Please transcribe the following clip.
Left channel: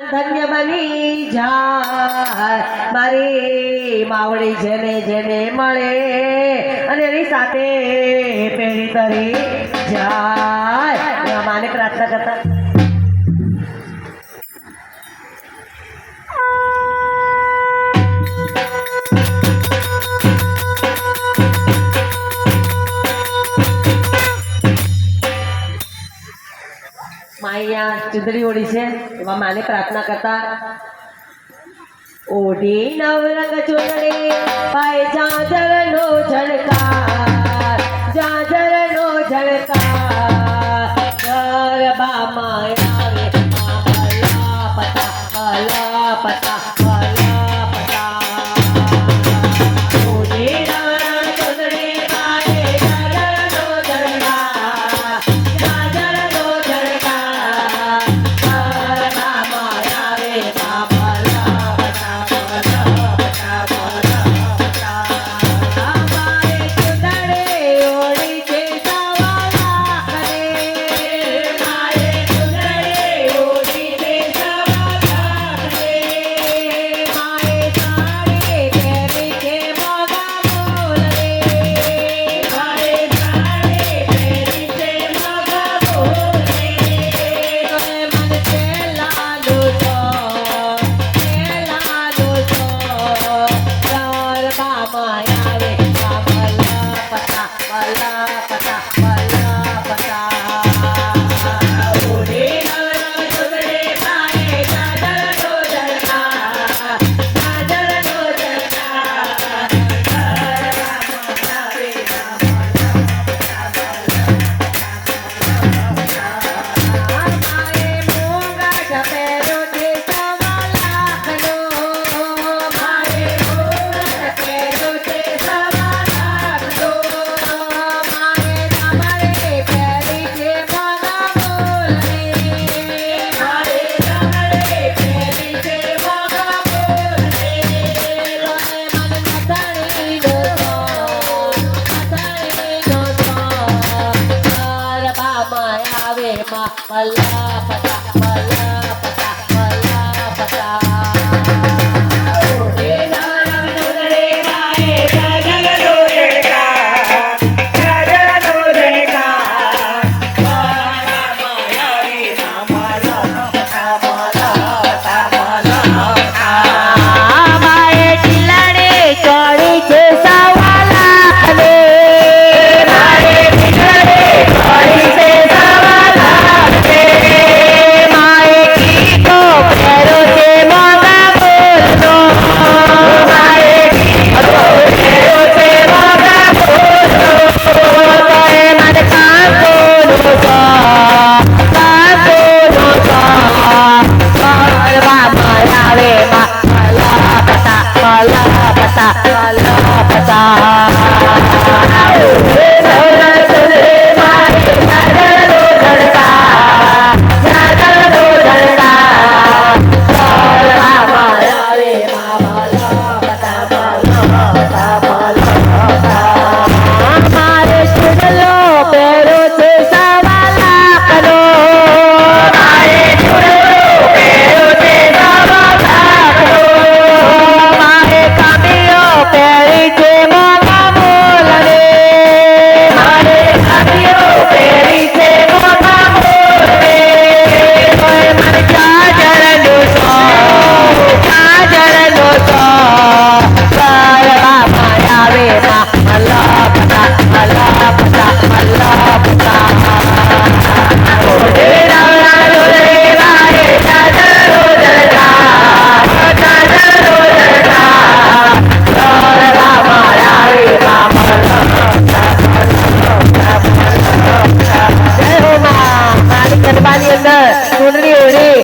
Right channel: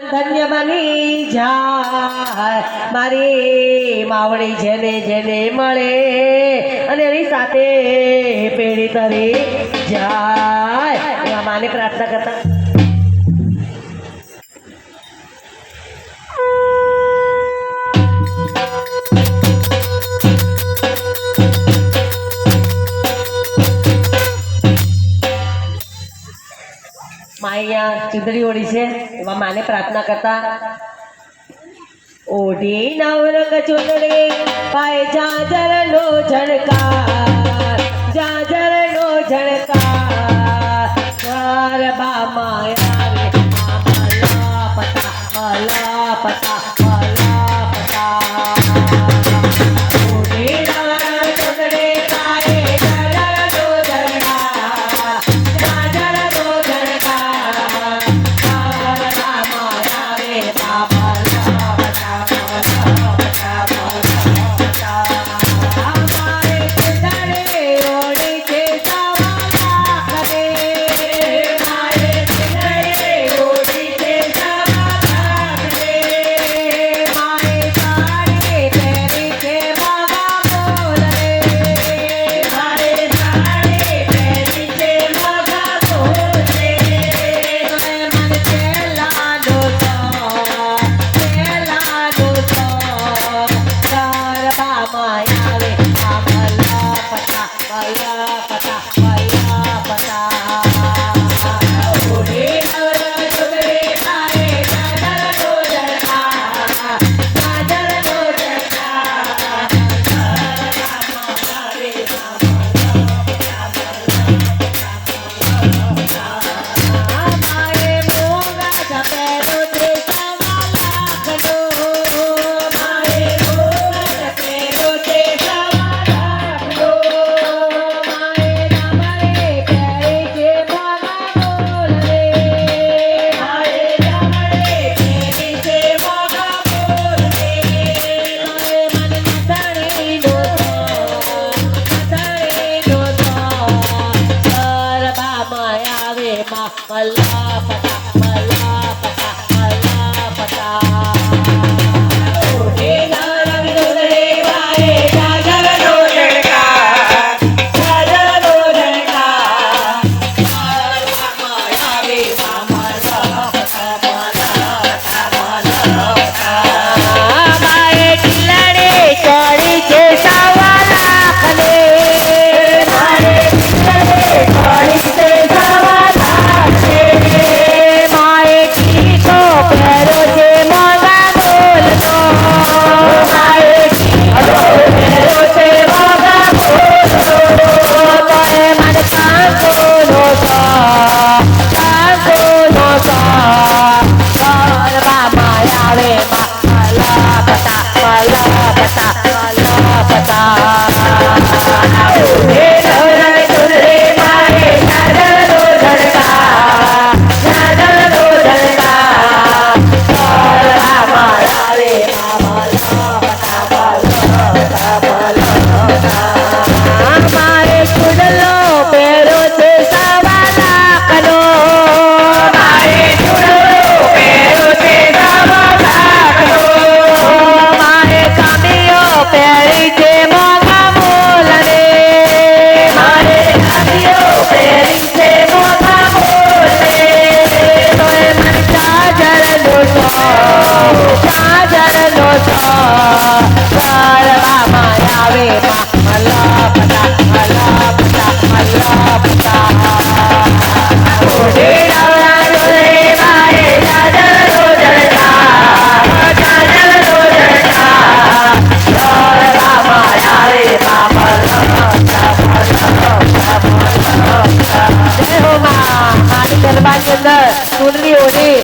ધન્ય બની જાય મારી માવડી જેને જેને મળે અને એની સાથે પેઢી તરી જાય માને પ્રાર્થના કરતા માયા ચુંદડી ઓળી છે એમાં માને પ્રાર્થના કરતા ઓઢી નવરંગ ચુંદડી પાય જાજરનો ઝળકાર જાજરનો ઝળકાર ગરબામાં આવે મલા પતા ઓઢી નવરંગ ચુંદડી પાય જાજરનો ઝળકાર જાજરનો ઝળકાર ગરબામાં આવે